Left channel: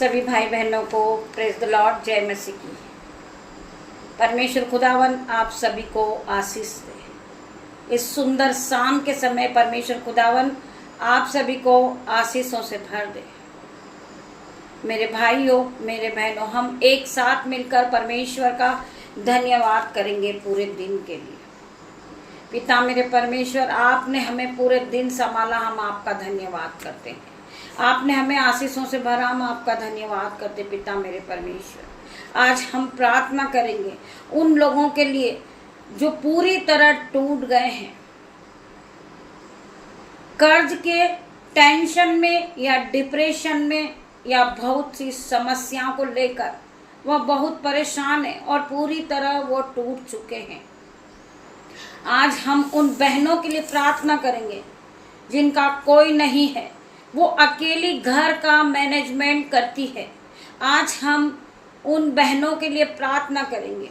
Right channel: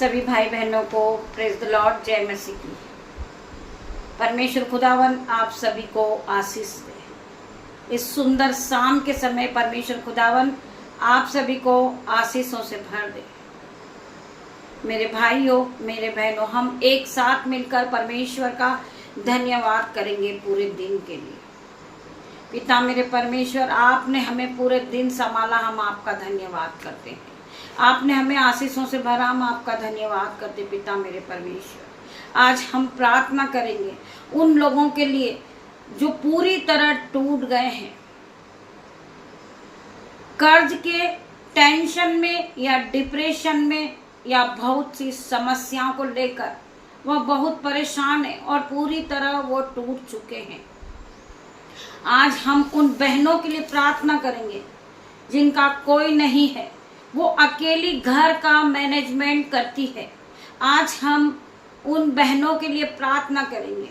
सभी भाई बहनों को प्रेज द लॉर्ड, जय मसीह की। परमेश्वर खुदावन आप सभी को आशीष दे। इस सुंदर शाम के समय परमेश्वर खुदावन आप सभी को आशीषों से भर दे। मेरे भाइयों, मेरे बहनों, हम एक साथ मिलकर परमेश्वर का धन्यवाद करेंगे पूरे दिन के लिए। पिता मेरे परमेश्वर, आपने हमें पूरे दिन संभाला, हम आपका धन्यवाद करते हैं। आपने हमें आशीषों से भरा, हम आपका धन्यवाद करते पिता मेरे परमेश्वर। आज हम प्रार्थना करेंगे उन लोगों के लिए जो पूरी तरह टूट गए हैं, कर्ज के टेंशन में या डिप्रेशन में या बहुत सी समस्याओं को लेकर वह बहुत परेशान है और पूरी तरह वो टूट चुके हैं। आज हम उन बहनों के लिए प्रार्थना करेंगे जिनका कोई नहीं है, वो अकेली घर का मैनेजमेंट करती है। आज हम उन बहनों के लिए प्रार्थना करेंगे।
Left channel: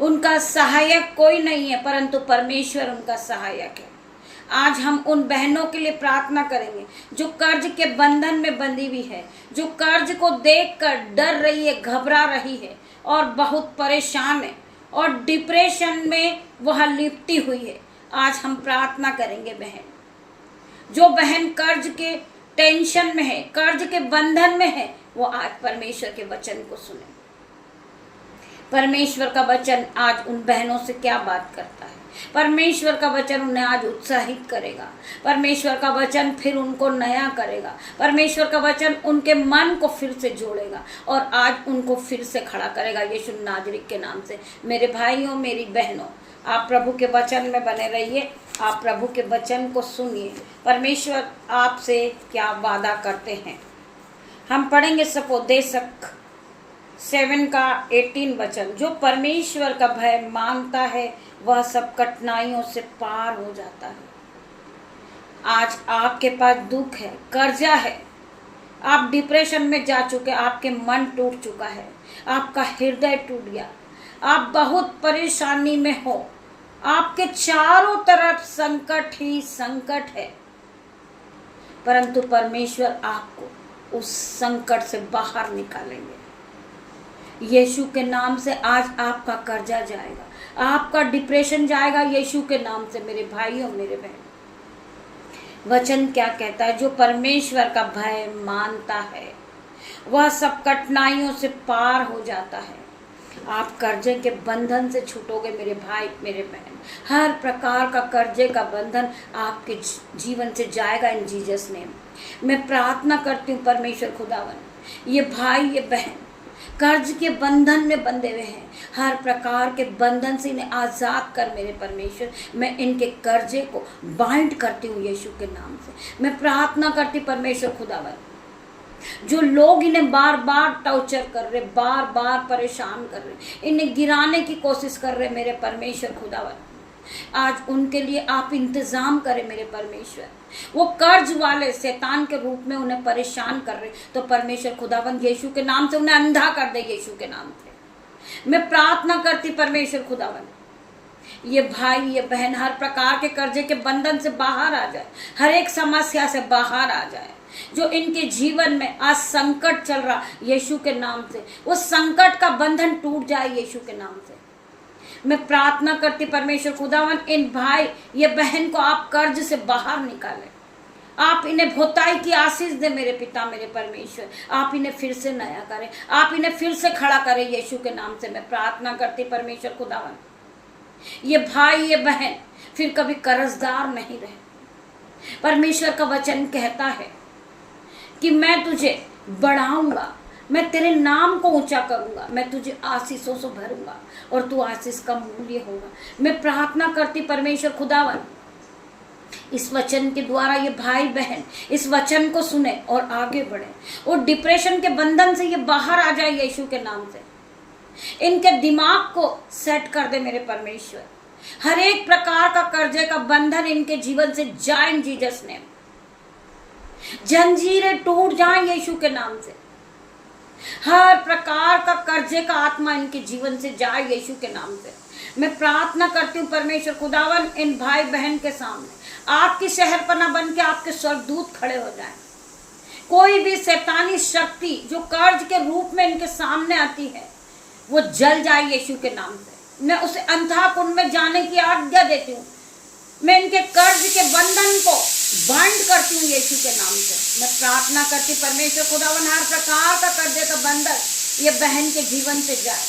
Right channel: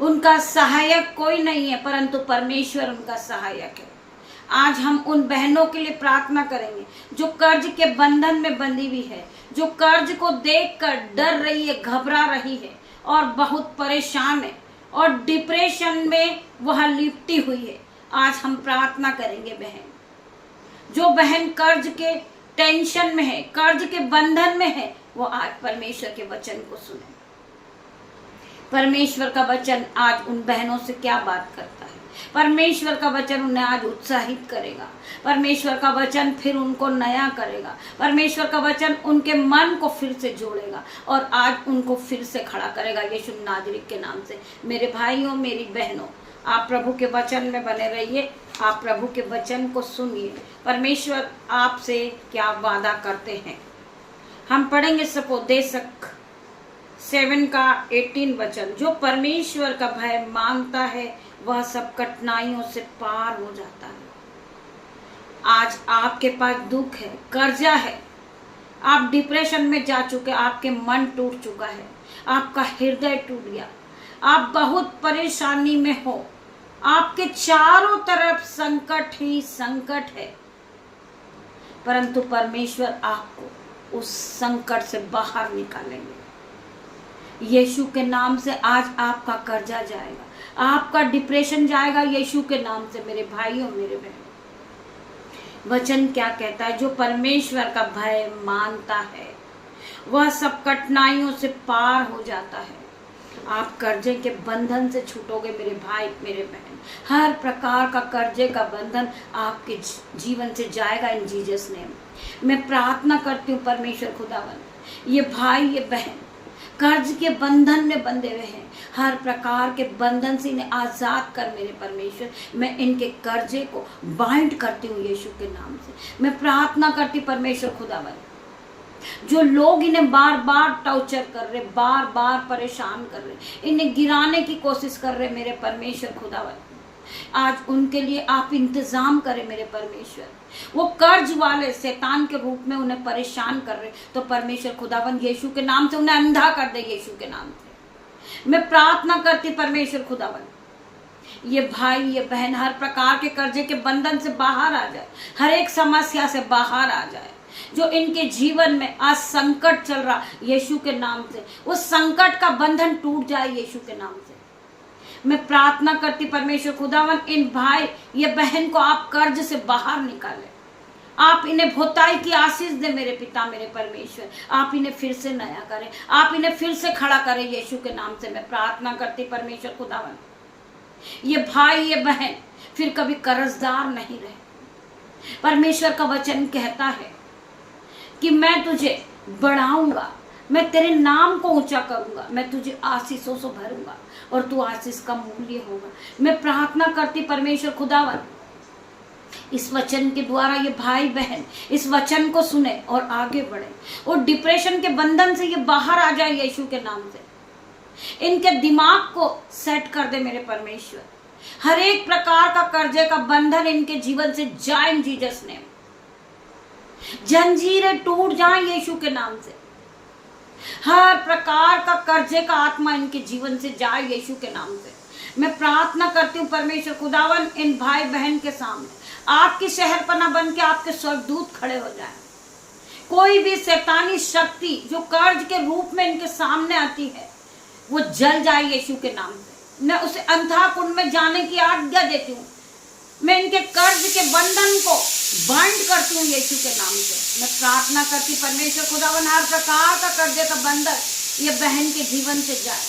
उनका सहायक कोई नहीं है, परंतु परमेश्वर उनका सहायक है। आज हम उन बहनों के लिए प्रार्थना करेंगे जो कर्ज के बंधन में बंधी हुई है, जो कर्ज को देखकर डर रही है, घबरा रही है और बहुत परेशान है और डिप्रेशन में वह लिपटी हुई है। आज हम प्रार्थना करेंगे बहन, जो बहन कर्ज के टेंशन में है, कर्ज के बंधन में है, वो आज परमेश्वर के वचन को सुने। परमेश्वर का वचन आज उन बहनों से क्या बात करता है? परमेश्वर का वचन उन्हें आज उत्साहित करेगा। परमेश्वर का वचन फिर उनको नया करेगा। परमेश्वर का वचन उनके मन को फिर से जोड़ेगा और आज उनको फिर से खड़ा करेगा यीशु नाजरी के नाम से। मेरे भाइयों, मेरी बहनों, आप प्रभु के वचन में बने रहिए, आप प्रभु के वचन को सुनिए। परमेश्वर आपसे क्या वादा करते हैं, हम पढ़ेंगे सपोदेशक 7 का 18 वचन। जो परमेश्वर का भय मांगता है वह सब कठिनाइयों से पार हो जाता है। आज आपके पास दुख है, कर्जा है, आप डिप्रेशन में जा चुके, आपके मन टूट चुका है, आपका हृदय टूट गया, आप बहुत परेशानी में हो, आपके चारों तरफ संकट ही संकट है, परंतु परमेश्वर आपको उस संकट से बाहर निकालेंगे। यीशु के नाम से आज आपका कर्जा जाएगा, आपका डिप्रेशन जाएगा यीशु के नाम से। मेरे भाइयों, मेरे बहनों, वचन क्या कहता है? जो परमेश्वर का भय मानता है वह सब कठिनाइयों से पार हो जाता है। आप कर्जे के बंधन से छूटोगे मेरे भाई, मेरे बहन। हर प्रकार का कर्जे का बंधन आपके जीवन से जाएगा इन जीसस नेम। मैं प्रार्थना करती हूँ परमेश्वर खुदावन, ये भाई, ये बहन कर्ज के बंधन में बंधे हुए हैं, हर प्रकार के बंधन से इन्हें आजाद कर मेरे परमेश्वर। मैं इनके कर्जे को बाइंड करती हूँ यीशु के नाम से। मैं प्रार्थना करती परमेश्वर खुदावन, जो लोग इन्हें बार बार टॉर्चर कर रहे, बार बार परेशान कर रहे, इन्हें गिराने की कोशिश कर रहे मेरे परमेश्वर खुदावन, आज उनके लिए आप इंतजाम करें मेरे परमेश्वर। वो कर्ज वाले शैतान के रूप में उन्हें परेशान कर रहे, तो परमेश्वर खुदावन यीशु के नाम से उन्हें अंधा कर दे यीशु के नाम से। मैं प्रार्थना करती परमेश्वर खुदावन, ये भाई, ये बहन हर प्रकार के कर्जे के बंधन से बाहर आ जाए, हर एक समस्या से बाहर आ जाए। जो इनके जीवन में आज संकट चल रहा यीशु के नाम से, वो संकट का बंधन टूट जाए यीशु के नाम से। मैं प्रार्थना करती परमेश्वर खुदावन, इन भाई, ये बहन को आप कर्ज से बाहर निकालें, आप इन्हें भोताई की आशीष दे मेरे पिता, मेरे परमेश्वर। आप इन्हें फिर से नया करें, आप इन्हें फिर से खड़ा करें यीशु के नाम से। मैं प्रार्थना करती परमेश्वर खुदावन, ये भाई, ये बहन फिर कभी कर्जदार नहीं रहे। परमेश्वर का वचन कहता है कि मैं तुझे बढ़ाऊंगा, मैं तेरे नाम को ऊंचा करूंगा, मैं तुझे आशीषों से भरूंगा और तू आशीष का मूल्य होगा। मैं प्रार्थना करती परमेश्वर खुदावन, इस वचन के द्वारा ये भाई बहन इस वचन को सुने और आगे बढ़े और डिप्रेशन के बंधन से ये बाहर आ जाए यीशु के नाम से। इनके दिमाग को सेट कर दे मेरे परमेश्वर। हर एक प्रकार का कर्जे का बंधन इनके जीवन से जाए इन जीसस नेम। जंजीरें टूट जाएं यीशु के नाम से। हर प्रकार का कर्जे का आत्मा इनके जीवन से जाए यीशु के नाम से। मैं प्रार्थना करती हूँ परमेश्वर खुदावन, इन भाई बहन के सामने आपकी शहरपना बन के आपके स्वर्गदूत खड़े हो जाएं, कोई भी शैतानी शक्ति जो कर्ज के रूप में इनके सामने आती है वो जल जाए यीशु के नाम से। मैं उसे अंधा कुंड में जाने की आज्ञा देती हूँ। मैं इनके कर्ज के बंधन को बाइंड करती हूँ यीशु के नाम से। मैं प्रार्थना करती परमेश्वर खुदावन हर प्रकार का कर्जे का बंधन ये बहन के जीवन से जाए।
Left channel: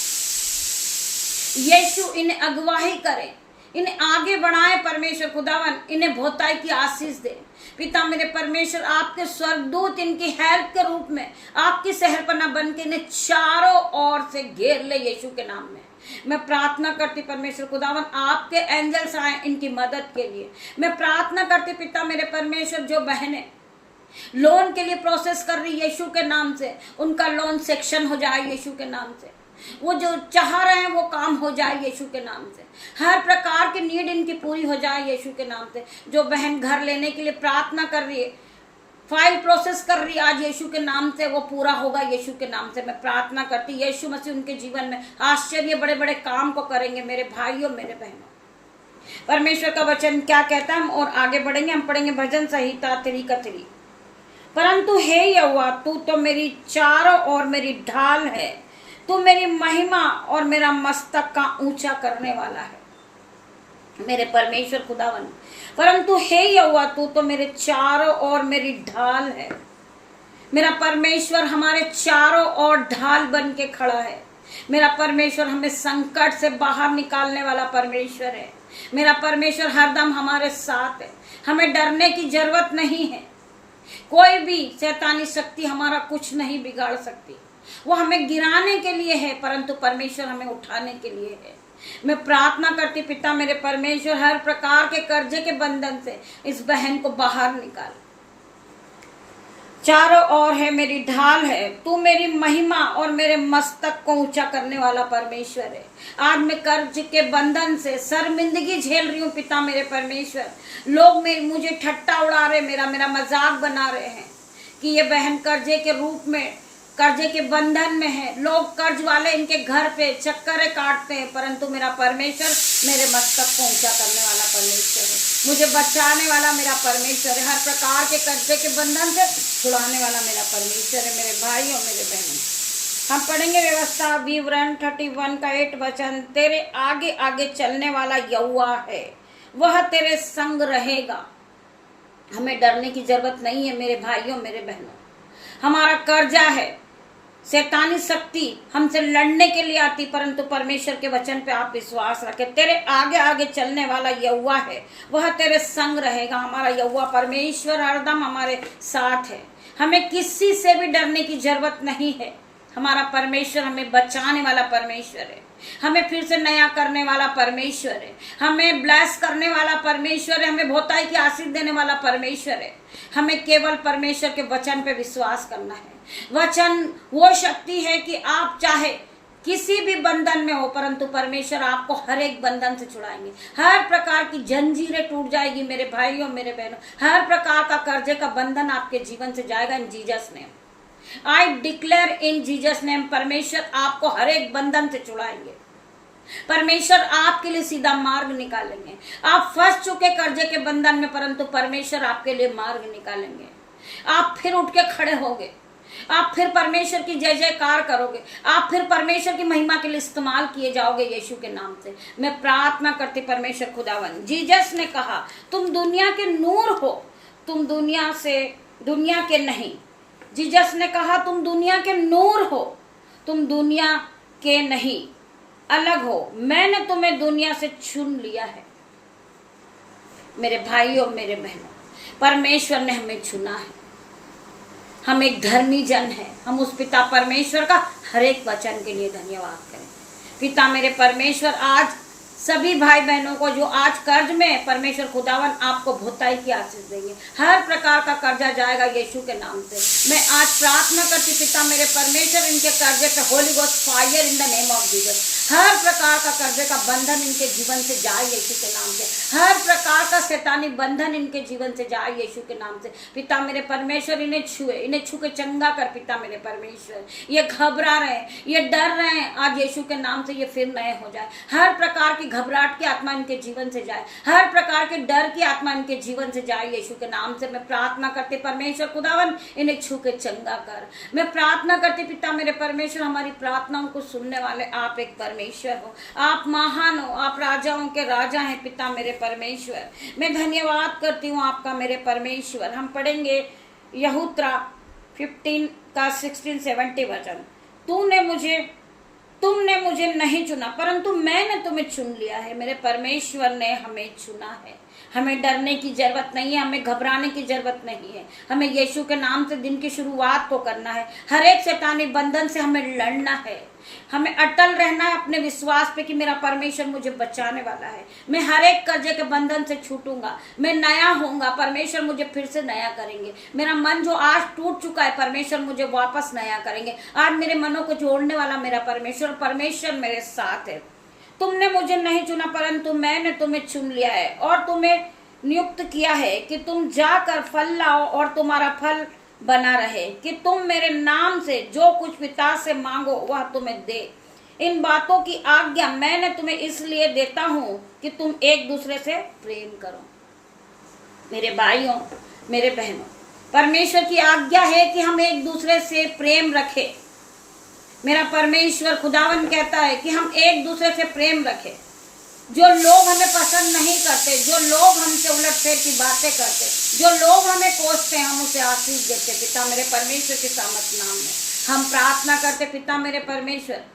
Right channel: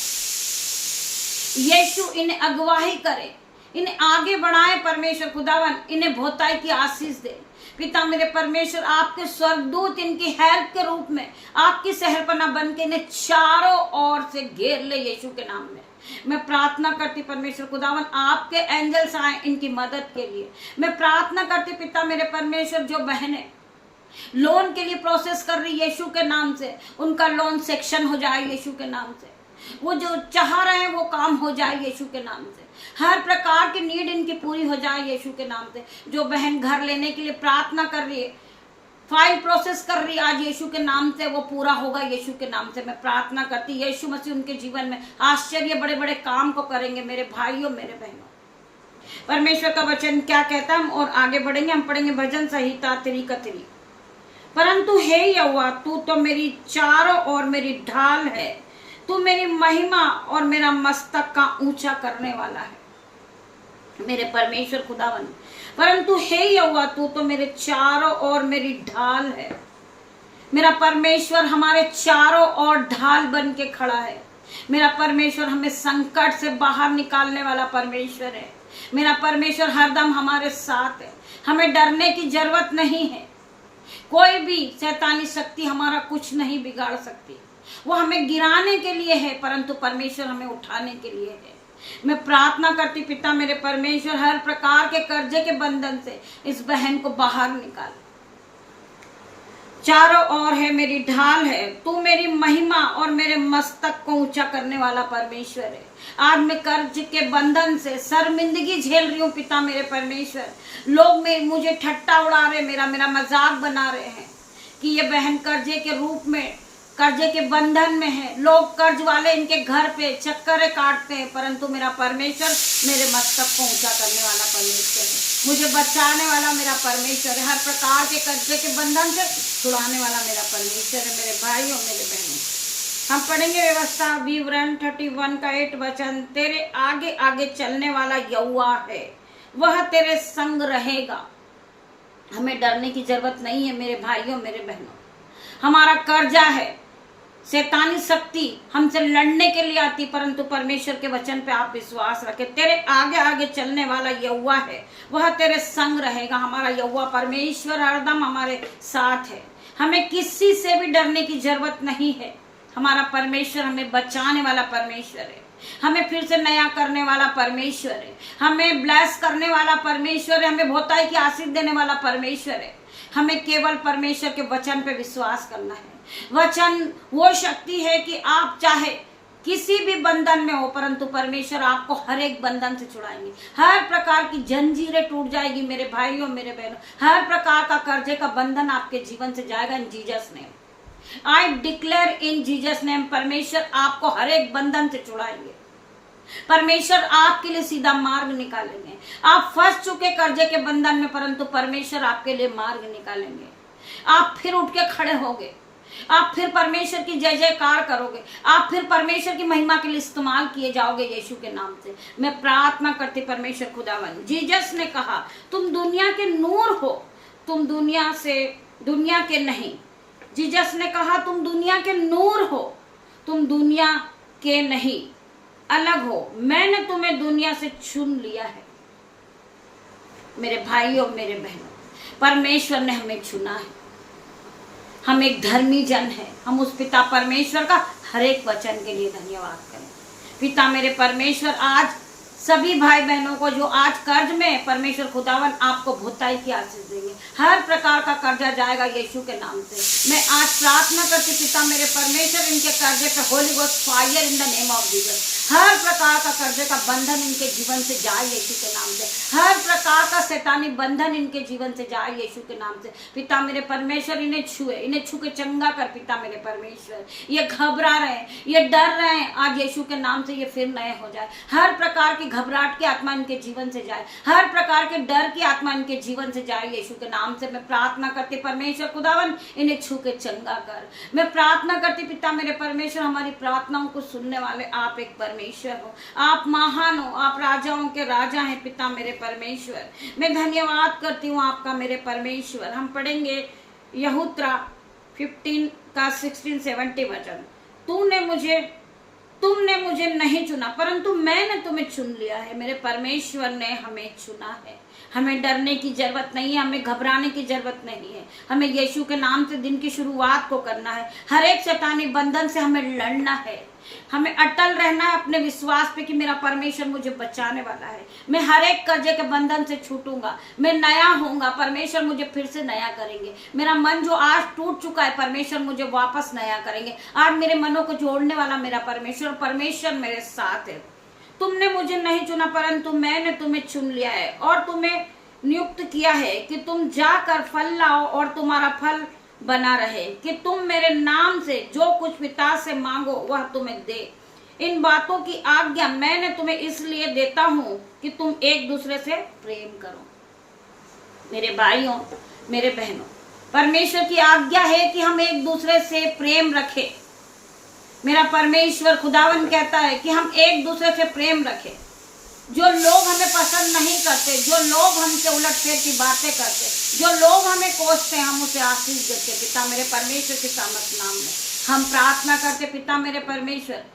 यीशु इन्हें अगुवाही करे, इन्हें आगे बढ़ाए परमेश्वर खुदावन, इन्हें बहुताई की आशीष दे। पिता मेरे परमेश्वर, आपके स्वर्गदूत इनकी हेल्प के रूप में आपकी सहरपना बन के इन्हें चारों ओर से घेर ले यीशु के नाम में। मैं प्रार्थना करती परमेश्वर खुदावन आपके एंजल्स आए इनकी मदद के लिए। मैं प्रार्थना करती पिता मेरे परमेश्वर, जो बहनें लोन के लिए प्रोसेस कर रही यीशु के नाम से, उनका लोन सेक्शन हो जाए यीशु के नाम से। वो जो चाह रहे हैं वो काम हो जाए यीशु के नाम से। हर प्रकार की नीड इनकी पूरी हो जाए यीशु के नाम से। जो बहन घर लेने के लिए प्रार्थना कर रही है, फाइल प्रोसेस कर रही है, आज यीशु के नाम से वो पूरा होगा यीशु के नाम से। मैं प्रार्थना करती यीशु मसीह उनके जीवन में आश्चर्य बड़े बड़े काम को करेंगे। मेरे भाइयों मेरे बहनों, परमेश्वर का वचन क्या कहता है हम और आगे बढ़ेंगे। हम पढ़ेंगे भजन संहिता 3:3। परंतु हे यहोवा, तू तो मेरी चारों ओर मेरी ढाल है, तू मेरी महिमा और मेरा मस्तक का ऊंचा करने वाला है। मेरे परमेश्वर खुदावन, परंतु हे यहोवा, तू तो मेरे चारों ओर मेरी ढाल है। मेरा परमेश्वर हमारे चारों ओर ढाल बन के खड़ा है। मेरा परमेश्वर हमें संकट से बाहर निकालने वाला परमेश्वर है। मेरा परमेश्वर हरदम हमारे साथ है। हमें डरने की जरूरत नहीं है। कोई भी शैतानी शक्ति हमारा कुछ नहीं बिगाड़ सकती। वो हमें गिराने के लिए है, परंतु परमेश्वर हमें उठाने के लिए है। मैं प्रार्थना करती पिता मेरे परमेश्वर, हर प्रकार के कर्जे के बंधन से इस बहन को बाहर निकाल। चारों ओर है मेरी ढाल है, तू मेरी महिमा और मेरे मस्तक को ऊंचा करने वाला परमेश्वर है। आज मैं कर्ज के बंधन से शर्मिंदगी झेल रही हूँ पिता मेरे परमेश्वर। लोग मुझे ठट्टा उड़ा रहे, मेरा मजाक बना रहे हैं कि ये बहन कर्जे के रूप में कर्जे के बंधन में है। लोग कर्ज वाले इनके घर पे चक्कर काटते हैं, परंतु मेरा परमेश्वर मेरे मस्तक को ऊंचा करने वाला परमेश्वर है। मुझे बचाने वाला मेरा परमेश्वर है। हर प्रकार के कर्जे के बंधन से छुड़ाने वाला मेरा परमेश्वर है। मेरे भाइयों मेरे बहनों, हम पढ़ेंगे व्यवस्था विवरण 31 का 8 वचन। तेरे आगे आगे चलने वाला यहोवा है, वह तेरे संग रहेगा। हमें डरने की जरूरत नहीं है मेरे भाइयों मेरे बहनों। हमारा कर्जा है, शैतानी शक्ति हमसे लड़ने के लिए आती, परंतु परमेश्वर के वचन पे आप विश्वास रखें। तेरे आगे आगे चलने वाला यहोवा है, वह तेरे संग रहेगा। हमारा यहोवा परमेश्वर हरदम हमारे साथ है। हमें किसी से भी डरने की जरूरत नहीं है। हमारा परमेश्वर हमें बचाने वाला परमेश्वर है। हमें फिर से नया करने वाला परमेश्वर है। हमें ब्लेस करने वाला परमेश्वर है। हमें बहुताई की आशीष देने वाला परमेश्वर है। हमें केवल परमेश्वर के वचन पे विश्वास करना है। वचन वो शक्ति है कि आप चाहे किसी भी बंधन में हो, परंतु परमेश्वर आपको हर एक बंधन से छुड़ाएंगे। हर प्रकार की जंजीरें टूट जाएगी मेरे भाइयों मेरे बहनों। हर प्रकार का कर्जे का बंधन आपके जीवन से जाएगा इन Jesus name. I declare in Jesus name, परमेश्वर आपको हर एक बंधन से छुड़ाएंगे। परमेश्वर आपके लिए सीधा मार्ग निकालेंगे। आप फंस चुके कर्जे के बंधन में, परंतु परमेश्वर आपके लिए मार्ग निकालेंगे। आप फिर उठ के खड़े होगे। आप फिर परमेश्वर की जय जयकार करोगे। आप फिर परमेश्वर की महिमा के लिए इस्तेमाल किए जाओगे यीशु के नाम से। मैं प्रार्थना करती परमेश्वर खुदावन, जीसस ने कहा तुम दुनिया के नूर हो, तुम दुनिया के नहीं। जीसस ने कहा तुम दुनिया के नूर हो, तुम दुनिया के नहीं, अलग हो। मैंने तुम्हें दुनिया से चुन लिया है। मेरे भाइयों मेरे बहनों, परमेश्वर ने हमें चुना है। हम एक धर्मी जन है। हम उस पिता परमेश्वर का हर एक वचन के लिए धन्यवाद करें। पिता मेरे परमेश्वर, आज सभी भाई बहनों को जो आज कर्ज में, परमेश्वर खुदावन आपको बहुताई की आशीष देंगे। हर प्रकार का कर्जा जाएगा यीशु के नाम से। मैं आज प्रार्थना करती पिता मेरे परमेश्वर, इनके कर्जे पे holy ghost fire in the name of Jesus. हर प्रकार का कर्जे का बंधन इनके जीवन से जाए यीशु के नाम से। हर प्रकार का शैतानी बंधन इनके जीवन से जाए यीशु के नाम से। पिता मेरे परमेश्वर, इन्हें छू के चंगा कर पिता मेरे परमेश्वर। ये घबरा रहे हैं, ये डर रहे हैं, आज यीशु के नाम से ये फिर नए हो जाए। हर प्रकार की घबराहट की आत्मा इनके जीवन से जाए, हर प्रकार के डर की आत्मा इनके जीवन से जाए। यीशु के नाम से मैं प्रार्थना करती परमेश्वर खुदावन इन्हें छू के चंगा कर। मैं प्रार्थना करती पिता मेरे परमेश्वर, हमारी प्रार्थनाओं को सुनने वाले आप एक परमेश्वर हो, आप महान हो, आप राजाओं के राजा हैं पिता मेरे परमेश्वर। मैं धन्यवाद करती हूँ आपका मेरे परमेश्वर। हम पढ़ेंगे यहूत्रा 15 का 16-17 वचन। तुमने मुझे नहीं चुना परंतु मैंने तुम्हें चुन लिया है। मेरे परमेश्वर ने हमें चुना है। हमें डरने की जरूरत नहीं है, हमें घबराने की जरूरत नहीं है। हमें यीशु के नाम से दिन की शुरुआत को करना है। हर एक शैतानी बंधन से हमें लड़ना है। हमें अटल रहना है अपने विश्वास पे कि मेरा परमेश्वर मुझे बचाने वाला है। मैं हर एक कर्जे के बंधन से छूटूंगा, मैं नया होऊंगा, परमेश्वर मुझे फिर से नया करेंगे। मेरा मन जो आज टूट चुका है परमेश्वर मुझे वापस नया करेंगे। आज मेरे मनों को जोड़ने वाला मेरा परमेश्वर मेरे साथ है। तुमने मुझे नहीं चुना परंतु मैंने तुम्हें चुन लिया है और तुम्हें नियुक्त किया है कि तुम जाकर फल लाओ और तुम्हारा फल बना रहे, कि तुम मेरे नाम से जो कुछ पिता से मांगो वह तुम्हें दे। इन बातों की आज्ञा मैंने तुम्हें इसलिए देता हूं कि तुम एक दूसरे से प्रेम करो। मेरे भाइयों मेरे बहनों, परमेश्वर की आज्ञा है कि हम एक दूसरे से प्रेम रखें। मेरा परमेश्वर खुदावन कहता है कि हम एक दूसरे से प्रेम रखें। जो लोग हमें पसंद नहीं करते, जो लोग हमसे उलटफेर की बातें करते, जो लोग हमें कोसते हैं, हम उसे आशीष देते पिता मेरे परमेश्वर के सामर्थ नाम में। हम प्रार्थना करते पिता मेरे परमेश्वर,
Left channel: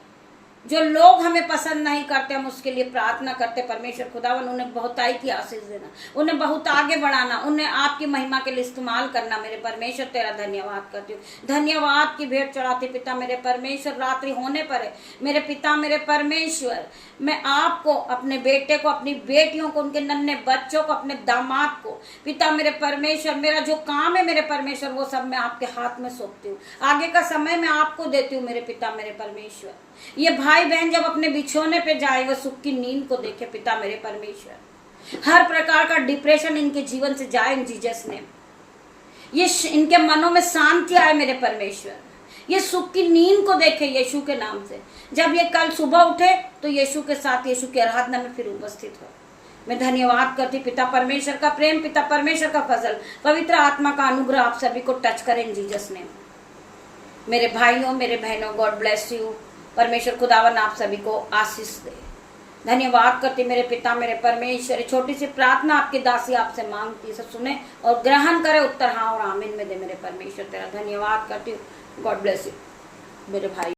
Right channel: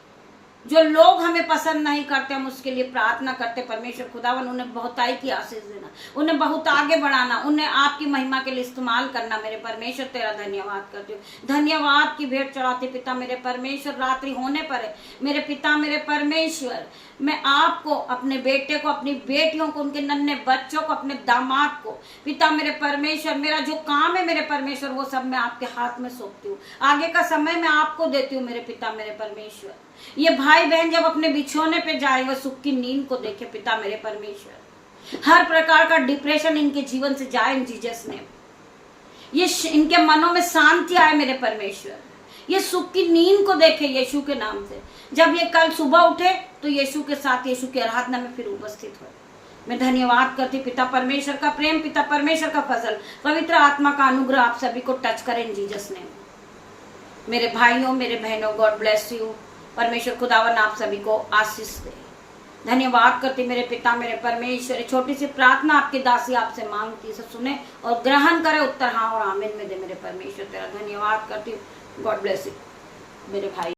जो लोग हमें पसंद नहीं करते हम उसके लिए प्रार्थना करते परमेश्वर खुदावन उन्हें बहुताई की आशीष देना, उन्हें बहुत आगे बढ़ाना, उन्हें आपकी महिमा के लिए इस्तेमाल करना। मेरे परमेश्वर तेरा धन्यवाद करती हूँ। धन्यवाद की भेंट चढ़ाती पिता मेरे परमेश्वर। रात्रि होने पर है मेरे पिता मेरे परमेश्वर, मैं आपको, अपने बेटे को, अपनी बेटियों को, उनके नन्हे बच्चों को, अपने दामाद को पिता मेरे परमेश्वर, मेरा जो काम है मेरे परमेश्वर वो सब मैं आपके हाथ में सौंपती हूँ। आगे का समय मैं आपको देती हूँ मेरे पिता मेरे परमेश्वर। ये भाई बहन जब अपने बिछोने पे जाए वह सुख की नींद को देखे पिता मेरे परमेश्वर। हर प्रकार का डिप्रेशन इनके जीवन से जाए इन जीसस नेम। ये इनके मनों में शांति आए मेरे परमेश्वर। ये सुख की नींद को देखे यीशु के नाम से। जब ये कल सुबह उठे तो यीशु के साथ यीशु की आराधना में फिर उपस्थित हो। मैं धन्यवाद करती पिता परमेश्वर का प्रेम, पिता परमेश्वर का फजल, पवित्र आत्मा का अनुग्रह आप सभी को टच करें इन जीसस नेम। मेरे भाइयों मेरे बहनों, गॉड ब्लेस यू। परमेश्वर खुदावन आप सभी को आशीष दे। धन्यवाद करती मेरे पिता मेरे परमेश्वर। छोटी सी प्रार्थना आपकी दासी आपसे मांगती, सब सुने और ग्रहण करे, उत्तर हाँ और आमीन में दे। मेरे परमेश्वर तेरा धन्यवाद करती हूँ। गॉड ब्लेस यू मेरे भाई।